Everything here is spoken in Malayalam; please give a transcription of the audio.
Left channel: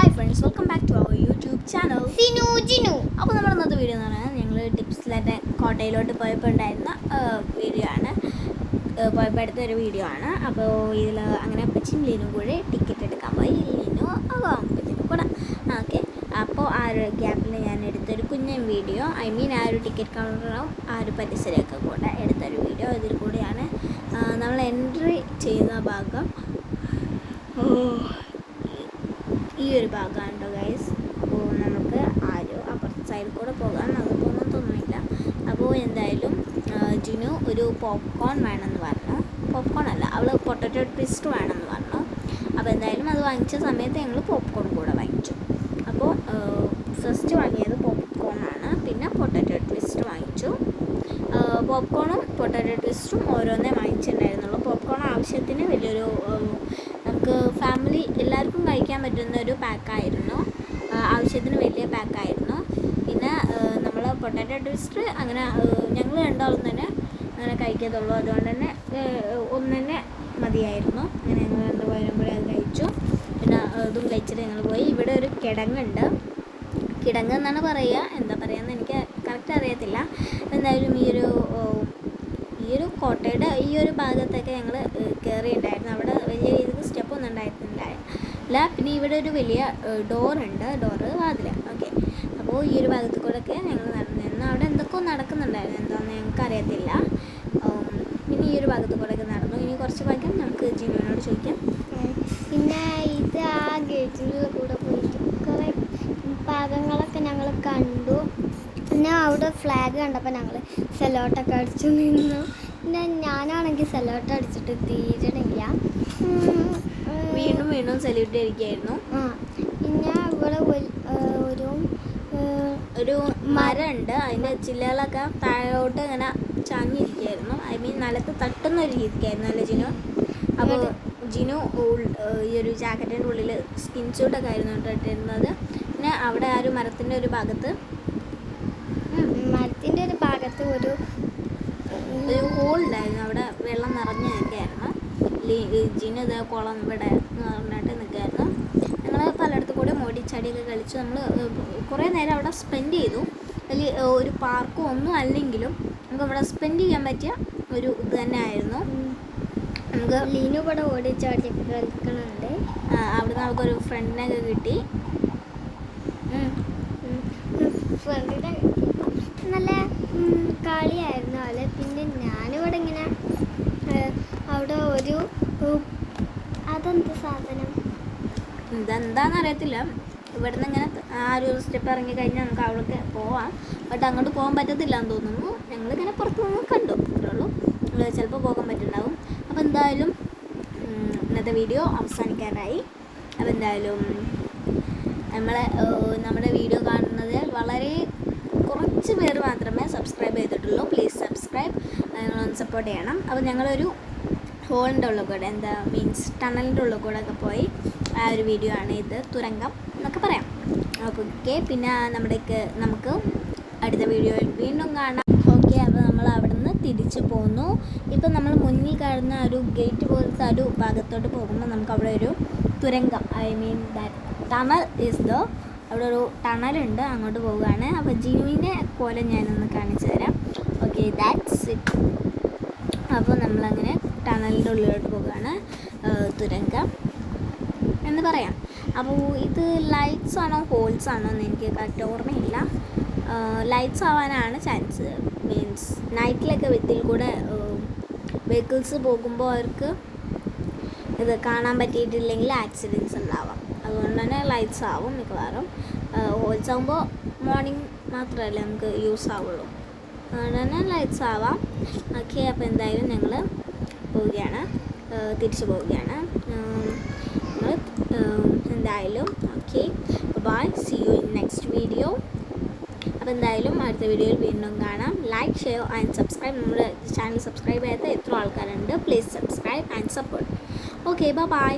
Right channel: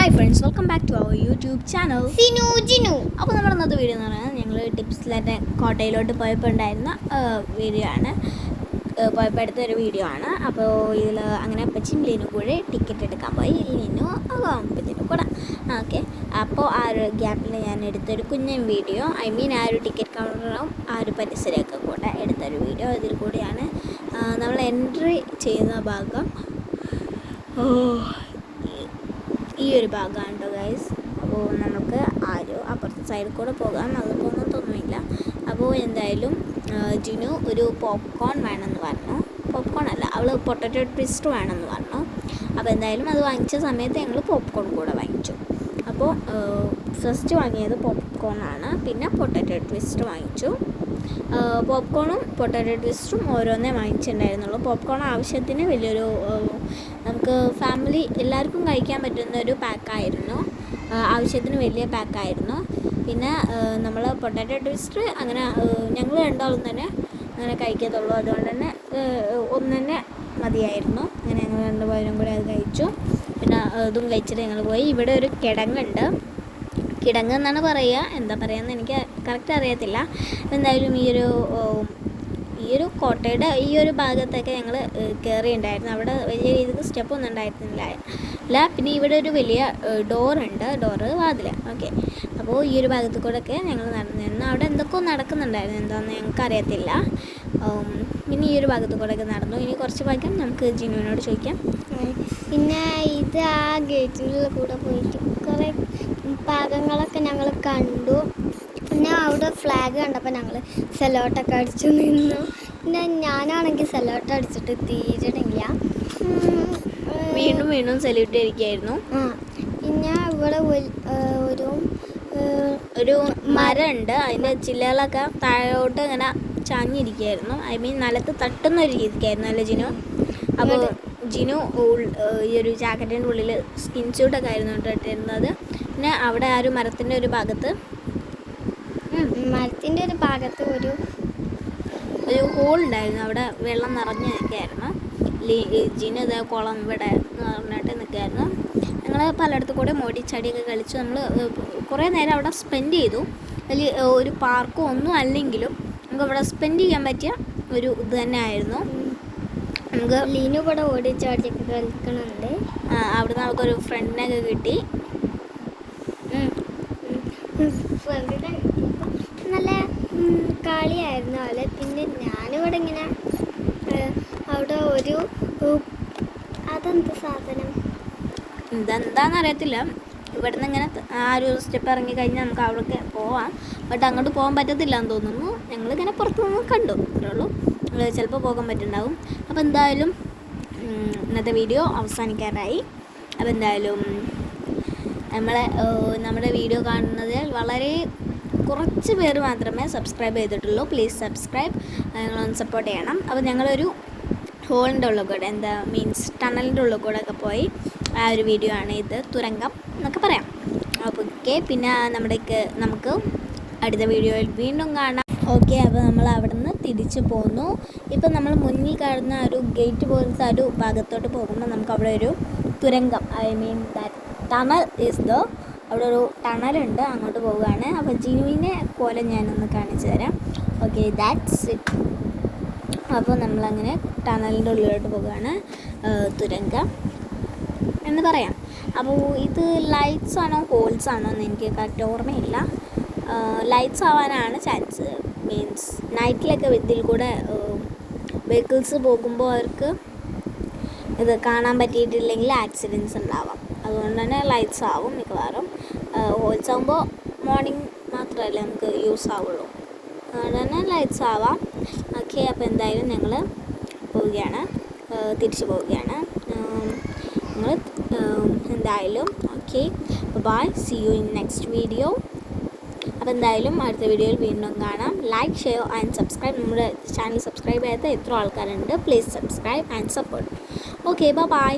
Hi friends, welcome back to our YouTube channel Jinu. അപ്പോൾ നമ്മുടെ ഇന്നത്തെ വീഡിയോ എന്ന് പറയുന്നത് ഞങ്ങൾ ടിപ്സിലായിട്ട് കോട്ടയിലോട്ട് പോയപ്പോൾ ഉണ്ടായിരുന്ന വീഡിയോ ആണ്. പോയപ്പോൾ എടുത്തൊരു വീഡിയോ ആണ്. അപ്പോൾ ഇതിൽ അങ്ങനെ അപ്പച്ചൻ ലീനു കൂടെ ടിക്കറ്റ് എടുക്കാൻ പോയി. ലീനു അപ്പച്ചനും കൂടെ ഓക്കെ. അപ്പോൾ ആ ഒരു ഗ്യാപ്പിൽ ഞാൻ എടുത്തൊരു കുഞ്ഞൻ വീഡിയോ, ആ ഒരു ടിക്കറ്റ് കൗണ്ടറും ആ ഒരു പരിസരമൊക്കെ കൂടെ എടുത്തൊരു വീഡിയോ. ഇതിൽ കൂടിയാണ് നമ്മൾ എൻട്രി ചെയ്യുന്ന ഭാഗം. ഈ ഒരു ഭാഗമാണ് കേട്ടോ ഗൈസ്. അപ്പോൾ നമുക്ക് അപ്പുറത്തെ സൈഡിൽ കൂടെ പോകാം, അതൊന്നും തോന്നുന്നില്ല. അപ്പോൾ എന്തായാലും ജിനു ഒരു പോപ്കോൺ വേണമെന്ന് പറഞ്ഞു. പോപ്കോൺ അല്ല, അവൾ പൊട്ടറ്റോ ട്വിസ്റ്റ് വേണമെന്ന് പറഞ്ഞു. അപ്പോൾ എന്തായാലും അത് വാങ്ങിച്ച സമയത്ത് ഞങ്ങൾ പോപ്കോൺ കൂടെ വാങ്ങിച്ചു. അപ്പോൾ ഫസ്റ്റ് വാങ്ങിയത് പോപ്കോൺ ആണ്, പിന്നെ പൊട്ടറ്റോ ട്വിസ്റ്റ് വാങ്ങിച്ചു. പോപ്കോണും പൊട്ടറ്റോ ട്വിസ്റ്റും ഓരോന്നേ വാങ്ങിച്ചിട്ടുണ്ടായിരുന്നുള്ളൂ. പോപ്കോൺ ആവശ്യത്തിന് വലിയൊരു നമുക്ക് ഫാമിലി എല്ലാവർക്കും കഴിക്കാൻ പറ്റുന്ന ഒരു പാക്കായിരുന്നു, ആവശ്യത്തിന് വലിയ പാക്കായിരുന്നു. പിന്നെ നമ്മൾ പൊട്ടാറ്റോ ട്വിസ്റ്റ് അങ്ങനെ ഞങ്ങൾ രണ്ടാളും തന്നെ അങ്ങനെ കഴിക്കത്തുള്ളൂ, അതുകൊണ്ട് തന്നെ ഒന്നെ മതിയായിരുന്നു. അങ്ങനെ ഞങ്ങൾ രണ്ടുപേരും കൂടെ അത് കഴിച്ചു. പിന്നെ അതും കഴിച്ചിട്ട് ഞങ്ങൾ പോയി. ഇവിടെ ഒരു കിടങ്ങുണ്ട്, കിടങ്ങ് എന്നാണ് പറയുക, എന്താ പറയുകയെന്ന് എനിക്ക് കറക്റ്റ് അറിയത്തില്ല. എന്തായാലും ഈ ഒരു കോട്ടയുടെ ഈ ഒരു ഭാഗത്തൊക്കെ ഞങ്ങൾ കയറിയിട്ടുണ്ടായിരുന്നു. അവിടെ വലിയ രീതിക്ക് സ്റ്റെപ്പൊന്നും ഉണ്ടായിരുന്നില്ല. പിന്നെ ഇവിടെ ഒരു വലിയ ഡോറുണ്ട്, വാതിൽ. ഓക്കെ. അപ്പോൾ ഈ ഒരു ഭാഗത്ത് കൂടെയൊക്കെ ഞങ്ങൾ നടന്നിരുന്നു. അവിടെ എന്തൊക്കെയോ നടക്കുന്നുണ്ടായിരുന്നു, എന്താണെന്ന് ഞങ്ങൾക്ക് അറിയത്തില്ല. പിന്നെ ഈ ഒരു ഭാഗത്ത് കൂടെയൊക്കെ നടന്നു. ഇനി കുറച്ച് ഭാഗ്യം നമുക്ക് ജിനുവിനോട് ചോദിക്കാം. പിന്നെ ഇത് ആ ഗേറ്റിൻ്റെ കൂടെ പോയിട്ട് കുറേ ഭാഗങ്ങളൊക്കെ ഞങ്ങൾ കണ്ടു. പിന്നെ അവിടെ ഫ്ലാഗ് കണ്ടപ്പോൾ ഞങ്ങൾ സെലോട്ടൊക്കെ അടിച്ചു നിന്നു. പിന്നെ ഞാനാണെങ്കിൽ സെലോട്ട് അടിച്ചിട്ട് തീരണില്ല, വീണ്ടും സല്യൂട്ട് അടിക്കുകയായിരുന്നു. പിന്നെ ഇവിടെ ഒരു മരമുണ്ട്, അതിൻ്റെ ചില്ലകളൊക്കെ താഴോട്ട് ഇങ്ങനെ ചാഞ്ഞിരിക്കുകയായിരുന്നു. നിലത്ത് തട്ടുന്ന ഒരു രീതിക്കായിരുന്നു അല്ലേ ജിനു? അപ്പോൾ ജിനു ഈ ഒരു ജാക്കറ്റിൻ്റെ ഉള്ളിൽ സ്കിൻ സ്യൂട്ടൊക്കെ ആയിരുന്നു ഇട്ടിരുന്നത്. പിന്നെ അവിടെ ആ ഒരു മരത്തിൻ്റെ ഒരു ഭാഗത്ത് ഒരു ഹോൾ ഉണ്ടായിരുന്നു, അവിടെ വെള്ളം നിറഞ്ഞ് നിൽക്കുകയായിരുന്നു. ജിനു ഇതേ കുളം ഇവിടെ നിറഞ്ഞിട്ട് നിൽക്കുകയായിരുന്നു. ഞങ്ങൾ പലയിടത്തും കൂടെ മോടിച്ചടിയൊക്കെ കളിച്ചു. നമ്മൾ കുറേ നേരം അവിടെ സ്പെൻഡ് ചെയ്തു. വലിയ ഒരു പാർക്കും ഒന്നും അല്ലെങ്കിലും നമുക്ക് അവിടെ സ്പെൻഡ് ചെയ്യാൻ പറ്റിയ ഒരു ഇത് തന്നെ ആയിരുന്നു. നമുക്ക് ലീനു കൂടെ ഓടിച്ചാടി കളിക്കുന്നുണ്ട്. അവിടുന്ന് നമുക്കൊരു ഫ്രണ്ടിനൊക്കെ കിട്ടി. നല്ല കളിയായിരുന്നു അവള്. പിന്നെ ഞാനിവിടെ ഇങ്ങനെ അവിടെ അതെന്ത് സാധനം ഇതെന്താണെന്ന് അറിയത്തില്ല. ഇവിടുന്ന് ഇങ്ങനെ ആ ഒരു സ്റ്റെപ്പ് ഇറങ്ങി കഴിഞ്ഞാൽ നമുക്ക് അവിടേക്ക് പോവാം. ബട്ട് അങ്ങോട്ട് പോകാൻ പറ്റത്തില്ല എന്ന് തോന്നുന്നു. ഞങ്ങളിങ്ങനെ പുറത്തു നിന്ന് കണ്ടു, അത്രയുള്ളൂ. ചിലപ്പോൾ പോകാൻ പറ്റുന്നുണ്ടാവും. അപ്പോൾ എന്തായാലും ഇന്നത്തെ വീഡിയോ അവസാനിക്കാറായി. അപ്പോൾ എന്തായാലും നമ്മുടെ വീഡിയോ കാണുന്നതിൽ വളരെ കുറച്ച് പേര് മാത്രമേ സബ്സ്ക്രൈബ് ചെയ്തിട്ടുള്ളൂ. പ്ലീസ് സബ്സ്ക്രൈബ്, നിങ്ങളൊന്ന് സപ്പോർട്ട് ചെയ്യണം. അപ്പോൾ ഞങ്ങളൊരു ഹോളിൻ്റെ ഉള്ളിൽ കൂടെ ടണലിൻ്റെ ഉള്ളിൽ കൂടെ ഒക്കെ പോയി ആ ഒരു വീഡിയോ ആണ് ഇത്. തുരങ്കം എന്നൊക്കെ പറയാം. അപ്പോൾ ഓക്കെ. പിന്നെ നമുക്ക് അടുത്ത വീഡിയോയിൽ വീണ്ടും കാണാം. ഓക്കെ. അപ്പോൾ നമ്മൾ അവിടെ നിന്ന് തിരിച്ചു പോന്നു. ഇപ്പം നമ്മൾ മുന്നിൽ കാണുന്ന ഒരു ഗേറ്റ് പോലത്തെ ഒരു ഭാഗത്തോട്ട് പോകുമ്പോൾ നമുക്ക് അവിടെ ഒരു തുരങ്കം, ടണൽ അവിടെ ഒരു ടണലുണ്ട്, അങ്ങോട്ട് പോവുകയാണ്. അപ്പോൾ ജിനുവിനെ പോലെ ഞാനൊന്ന് കാണിച്ചു തരാം. Okay, that's it. അപ്പോൾ നമ്മളങ്ങനെ ടണലിൻ്റെ ഉള്ളിലോട്ട് പോവുകയാണ്, തുരങ്കം എന്ന് പറയാം. അപ്പോൾ ഇത് ലൈറ്റ്സ് ആണോ ഹോൾസ് ആണോ എന്ന് എനിക്ക് കറക്റ്റ് ഓർമ്മയില്ല. ലൈറ്റ്സ് ആവാനാണ് ചാൻസ്. നൈറ്റിലൊക്കെ ഇതിൽ കൂടെ വെഹിക്കിൾസ് പോകുമ്പോൾ അവർക്ക് ഇത് കാണാൻ പറ്റിയിട്ടില്ലെങ്കിൽ ആക്സിഡൻറ്റ്സ് ഉണ്ടാവാം. അതുകൊണ്ട് തന്നെ ലൈറ്റ്സ് ആവും മിക്കവാറും. ഹോൾസ് ആകുമ്പോൾ മോർണിംഗ് മാത്രമല്ലേ നമുക്ക് യൂസ് ആവുള്ളൂ, അതുകൊണ്ട് തന്നെ ലൈറ്റ്സ് ആവാം. ഓക്കെ. അപ്പോൾ എന്തായാലും ഞങ്ങൾ തിരിച്ചു പോവുകയാണ് ഞങ്ങൾ എന്തായാലും. Okay, bye, see you in next video. അപ്പോൾ എന്തായാലും അടുത്ത വീഡിയോയിൽ വീണ്ടും കാണാം. Like, share and subscribe. നമ്മുടെ ചാനൽ സബ്സ്ക്രൈബ് ചെയ്യാത്ത എത്ര ആൾക്കാരുണ്ട്, please subscribe and support. Okay, by.